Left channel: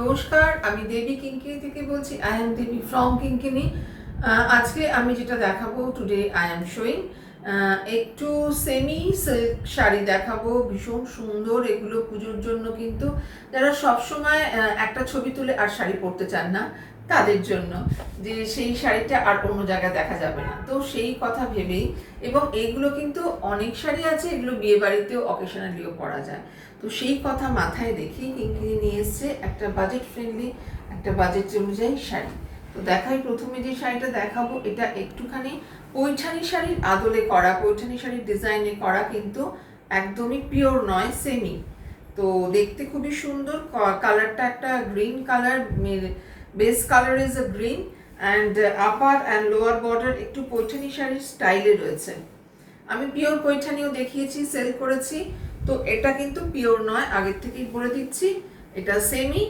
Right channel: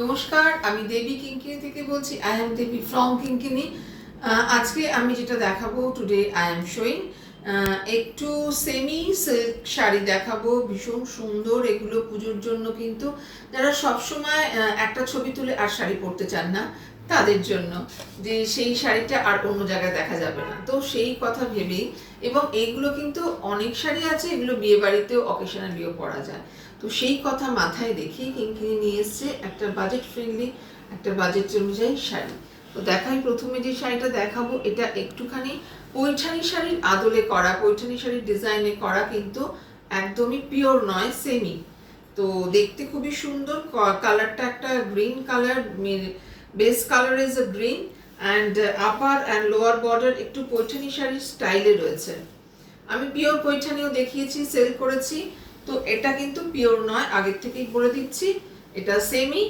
নমস্কার, আমি দেবী কিঙ্কিনি থেকে বলছি। আই এম দেবী ফ্রম কিঙ্কিনি। আজকে আমি যেটা দেখাবো, টুডে আই এম শোয়িং একটু সেমি সিল্ক শাড়ি দেখাবো। ভীষণ সুন্দর এগুলো, পুজোর জন্য কিন্তু যারা সবসময় একটা ছবি তুলে আর শাড়ি পরতে চান না তাদের জন্য, যে সেই শাড়িটা আর অন্য জায়গায় দেখা যাবে না, তো সেই কথা ভেবেই। এবং এইগুলো কিন্তু অনেক শাড়ি আছে, এগুলো বিয়ে বাড়িতেও অকেশনালিও পরা যায়, তো সেই কথা মাথায় রেখে কিঙ্কিনি নিয়ে এসছে একটা বাজেট ফ্রেন্ডলি, একটা বাজেট অনুযায়ী শাড়ি। তো দেখাই, প্রথমে যে শাড়িটা দেখাবো এটা একটুখানি পৈঠানি শাড়ির আদলে করা, পৈঠানি শাড়ির ডিজাইনে করা, কিন্তু একদমই পিওর নয়, সেমি। তো দেখতে খুবই সুন্দর, কালারটা একটা green colour, base colour is a green, and upper and lower border একটু পৈঠানি শাড়ির স্টাইলে রয়েছে। আমি পিওর পৈঠানিও দেখিয়েছি, সেল করেছি, তো এটা কিন্তু পিওর নয়, আগের থেকেই বলে দিচ্ছি। এটা semi,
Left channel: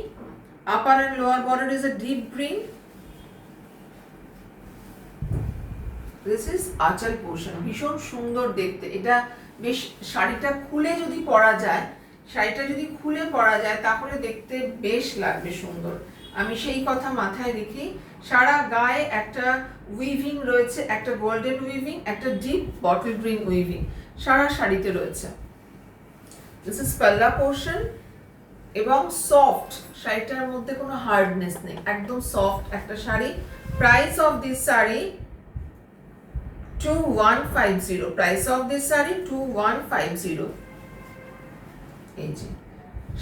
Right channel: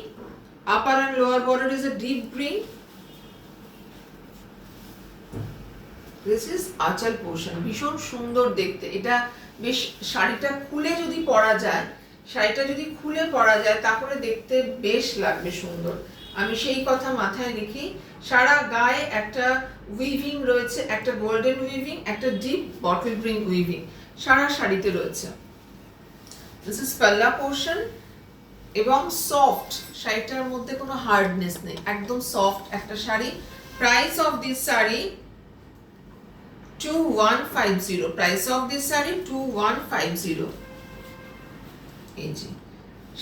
upper and lower border is a deep green. This is আঁচল পোর্শন, ভীষণ সুন্দর দেখতে। এটা বেশ, শাড়িটা খুলে যদি পরা যায়, শাড়িটা যদি খুলে পরা যায় তাহলে দেখতে বেশ লাগবে সুন্দর। আমি সেই কথা মাথায় রেখে সারা গায়ে একটা উইভিং রয়েছে, একটা গোল্ডেন উইভিং, একটা ডিপ বটল গ্রিন উইভিং সারা শাড়িতে রয়েছে। দিস ইজ পাল্লা পোর্শন, এবং সফট, শাড়িটার মধ্যে কোনো হার্ডনেস নেই, একদম সফট একটা sari. Price of this sari 2150, price of this sari 2150। এই যে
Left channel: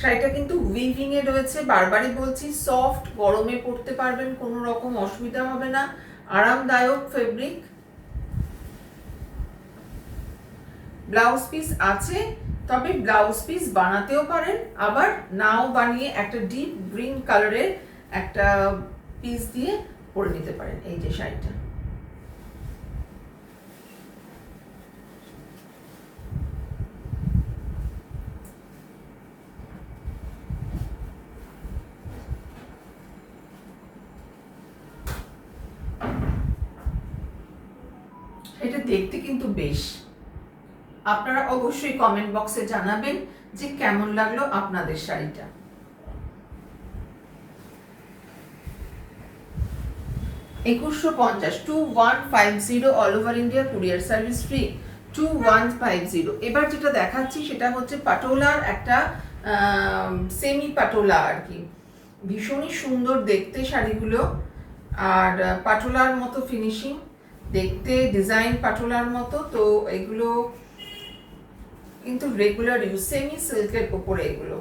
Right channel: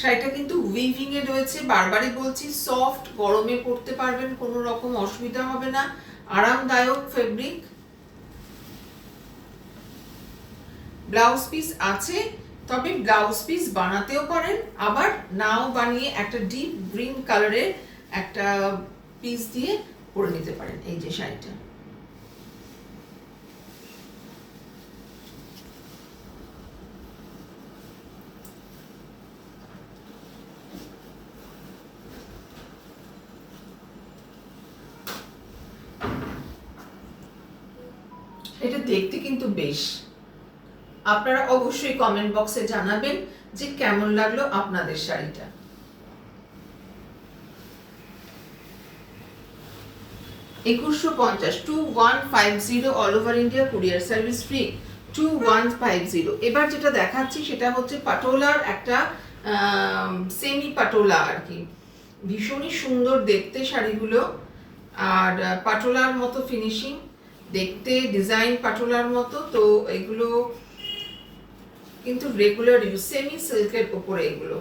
শাড়িটা কিন্তু উইভিং এ রয়েছে, বারবারই বলছি, সফট, গরমে পরতে পারবেন, কোনো রকম অসুবিধা হবে না, আরামদায়ক ফেব্রিক। ব্লাউজ পিস আছে, তবে ব্লাউজ পিস বানাতেও পারেন, আবার নাও বানিয়ে একটা ডিপ গ্রিন কালারের একটা পিস দিয়ে পরে নিতে পারেন। এই যে শাড়িটা, এটা দেখতে কিন্তু বেশ। আপনারা অবশ্যই কমেন্ট বক্সে জানাবেন যে কেমন লাগলো আপনাদের শাড়িটা। 2150, 2150, all over India courier service free, 2150। এবার যেটা দেখাচ্ছি সেটা হচ্ছে পাটোলার একটা সেমি পাটোলা আর কি, ভীষণই সুন্দর দেখতে শাড়িগুলো, আর পাটোলার মতো ফিনিশিং দেখতে, ডিজাইন পাটোলার মতো। তো এগুলো কিন্তু রেগুলার ইউজ, সেমি সিল্কের উপরে এগুলো,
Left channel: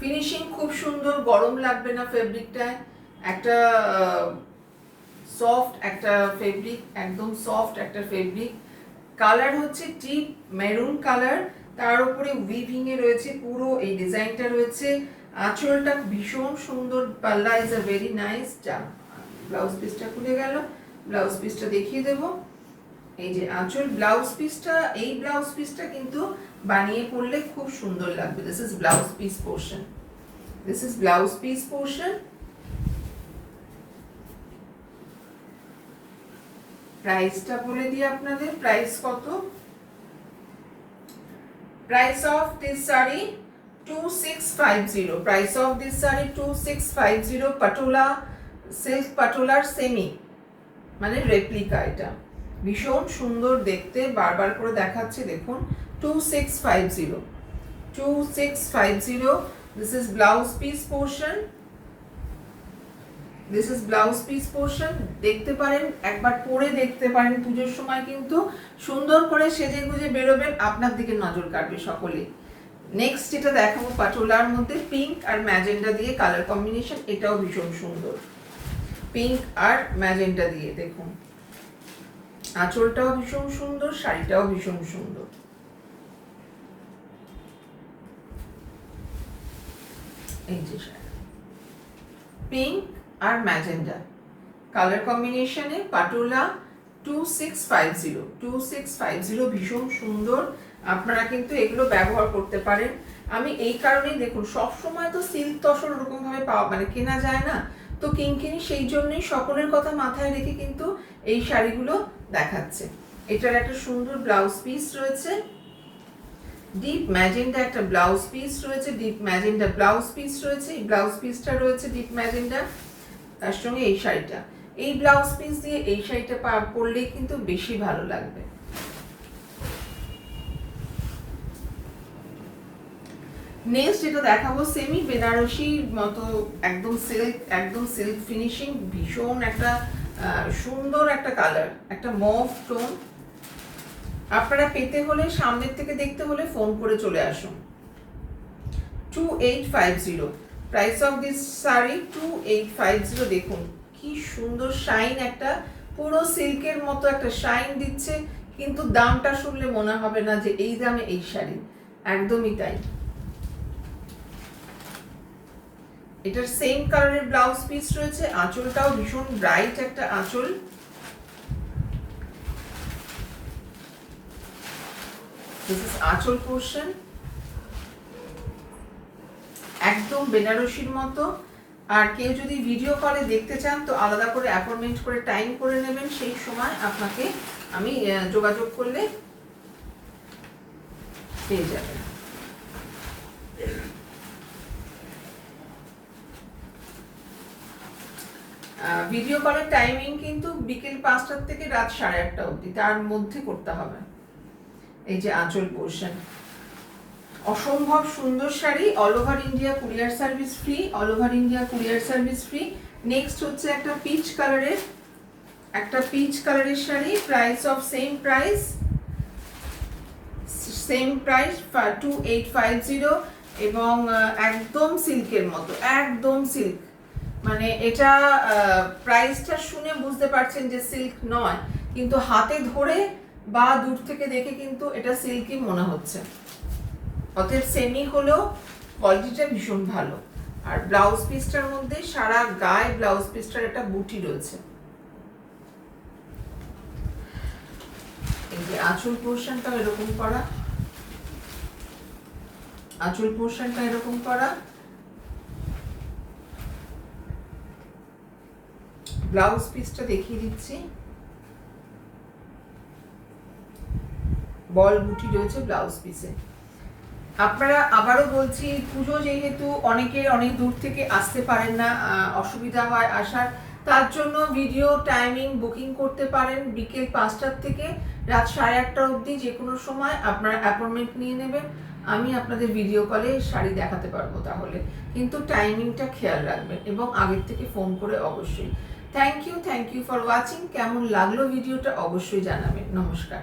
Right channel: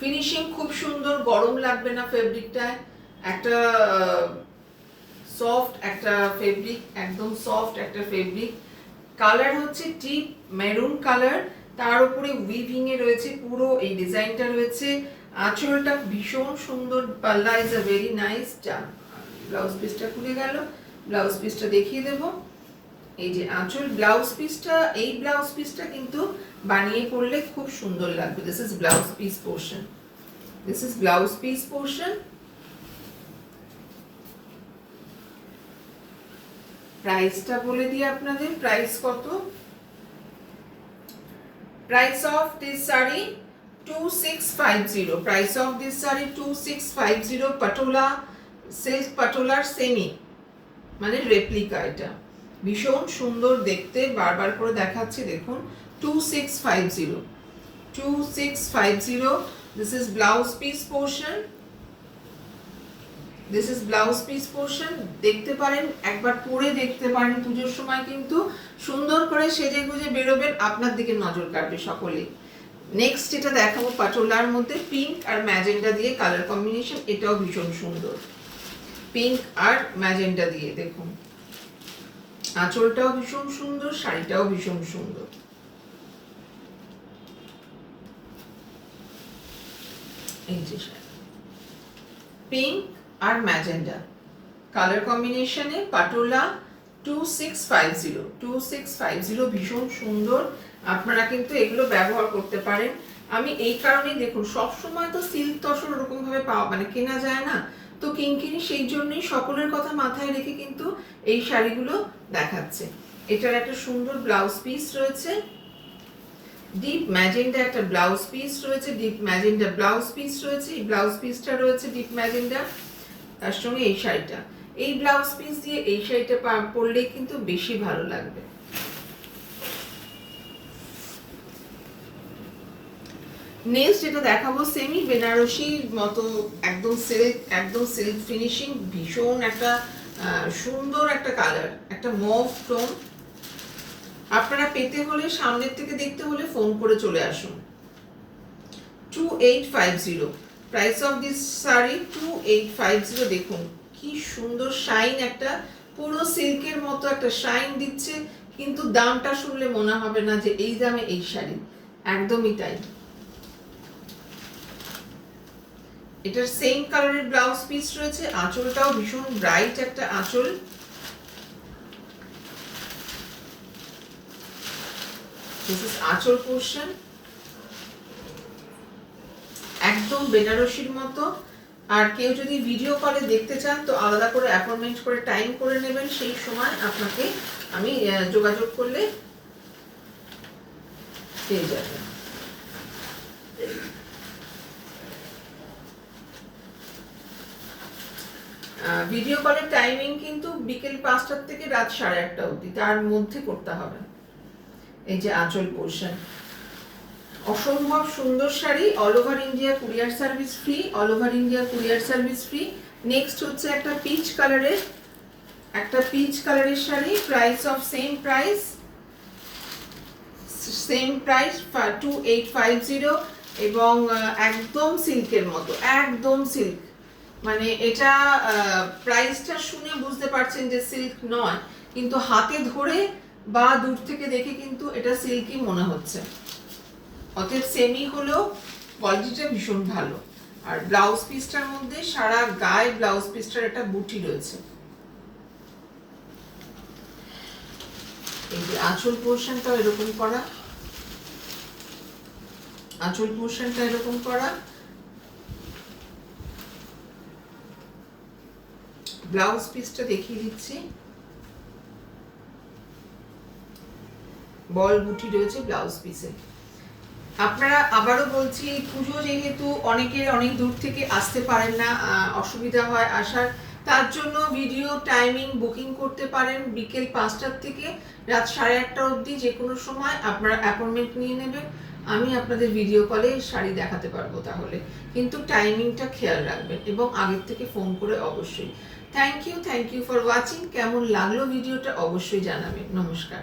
ফিনিশিং খুব সুন্দর, গরম লাগবে না ফেব্রিকটায়, একটা সফট একটা ফেব্রিক, একদম সফট একটা ফেব্রিক। কালার হচ্ছে ডিপ মেরুন কালার, তার উপরে উইভিং এ রয়েছে পুরো এই ডিজাইনটা রয়েছে। আঁচলটা ভীষণ সুন্দর, পাল্লা is a very nice. Blouse পিসটা খুলে গেল, ব্লাউজ পিসটা দেখিয়ে দেব। এই যে আঁচল, ব্লাউজ পিসটা, এই ব্লাউজ পিসটা কিন্তু বানিয়ে পরলে খুব সুন্দর লাগবে। This is blouse piece portion, this is blouse piece portion. প্রাইসটা বলে দিই আপনাদের, প্রাইস কত। Price of this sari 2650, price of this sari 2650। Patola, silk পাটোলার সেমি, মানে রেপ্লিকা। এটা ভীষণ সুন্দর দেখতে, বারবার করে দেখাচ্ছি, দেখুন 2650, 2650। This is blouse piece portion, this is blouse piece portion. দেখতে পারেন, একবার পরে দেখতে পারেন, পুজোর সময় কিন্তু সুন্দর করে সেজে গুজে বেরোবেন, আপনার দিকে নজর কাটবে সকলে। নেক্সট যেটা দেখাবো পাটোলার মধ্যে পিঙ্ক আর ম্যাজেন্ডা দিয়ে কালার কম্বিনেশন, এটাও ভীষণ সুন্দর, পিঙ্ক আর ম্যাজেন্ডা দিয়ে। দেখুন আঁচলটাও ভীষণ সুন্দর, শাড়িটাও ভীষণ সুন্দর। এই যে পিঙ্ক আর ম্যাজেন্ডা কালার কম্বিনেশনে পাটোলা 2650, 2650, ভীষণ সুন্দর। আপনারা কিন্তু এগুলো ব্যবহার করতে পারেন। আমি এই কারণেই, দেখুন সব সময় তো সিল্ক তসর ওরকম ভাবে পাওয়া মানে কেনা যায় না, তো কিঙ্কিনি সেই জন্যই সকলের কথা মাথায় রেখে কিন্তু এই শাড়িগুলো দেখাচ্ছে। এটার একটা সুন্দর ব্লাউজ পিস রয়েছে, ডিপ ম্যাজেন্ডা একটা ব্লাউজ পিস রয়েছে, ডিপ ম্যাজেন্ডা ব্লাউজ পিস রয়েছে, এই ব্লাউজ পিসটা রয়েছে ডিপ ম্যাজেন্ডা, তার সঙ্গে এই শাড়িটা, এই ব্লাউজ পিস দিয়ে এই শাড়িটা পরলে কিন্তু বেশি ভালো লাগবে। নেক্সট যেটা দেখাবো সেমি বেনারসির মতো একদম সিল্ক ফিনিশিং, ভীষণ একটা সুন্দর একটা কালার, একটা মভ টোন। আপনারা পেতে হলে, সামনের থেকে দেখতে হলে ফোন করে চলে আসুন। 2850 প্রাইস অফ দিস শাড়ি 2850। দেখুন কি সুন্দর শাইন, একটা পুরো সিল্কের মতো একটা শাইন দিচ্ছে, কিন্তু দামটা শুনলে মনে হবে না যে এই দামে এই শাড়ি, একদমই তাই। এটার সেম কালারের ব্লাউজ পিস রয়েছে, আঁচলটাও ভীষণ ব্রাইট একটা আঁচল। দিস ইজ আঁচল পোর্শন, একদম বেনারসির মতো। আর কেউ যদি ভিডিও কলে দেখতে চান তো আলাদা করে অ্যাপয়েন্টমেন্ট করে টাইম করে নেবেন, সেই সময় আপনাকে আমি যোগাযোগ করলে পেয়ে যাবেন। ভিডিও কলের টাইমিং কিন্তু বিকেল 5টা থেকে রাত 1:30 অবধি, তার মধ্যে করতে হবে। এই যে আঁচল পোর্শন, অসম্ভব সুন্দর sari, all over India courier service free, all over India courier service free. Next হচ্ছে একটা পিচ কালারের sari, price of same price 2850, এবং একদম সিল্কের মতো, একদম সিল্ক। মানে এটা প্রাইসটা শুনে বুঝতে পারছেন যে সিল্ক নয়, কিন্তু হাতে ধরে বা দূর থেকে দেখে কিন্তু এটা সিল্কই মনে হচ্ছে। অতএব সেমি হলেও কোয়ালিটিটা ভীষণ ভালো। আর ব্লাউজ পিসটার মধ্যে সারা গায়ে ব্লাউজ পিসটার একটা বুটি রয়েছে। এই যে আঁচল পোর্শনটা এরকম করা, আঁচল পোর্শনটা এরকম করা, ব্লাউজ পিসটা দেখিয়ে দিচ্ছি, বল বুটি রয়েছে ব্লাউজ পিসে। আপনারা আবারও বলছি, পুজো যেহেতু অনেকের অনেক দূর থেকে আসতে পারেন না, অসুবিধা হয় আসার, তার জন্য ভিডিও টাইমিং বুকিং করতে পারেন বিকেল 5টার থেকে রাত 8:30 অবধি, যে কোনো সময় আপনারা অ্যাপয়েন্টমেন্ট নিয়ে নেবেন, আমি আপনাদের ভিডিও কলে শাড়ি দেখাতে পারবো। তাহলে কিন্তু টাইমিংটা খেয়াল রাখবেন এবং আগের থেকে ফোন করে অবশ্যই। Thank you for watching. কেমন লাগলো ভিডিওটা অবশ্যই জানাবেন। নমস্কার।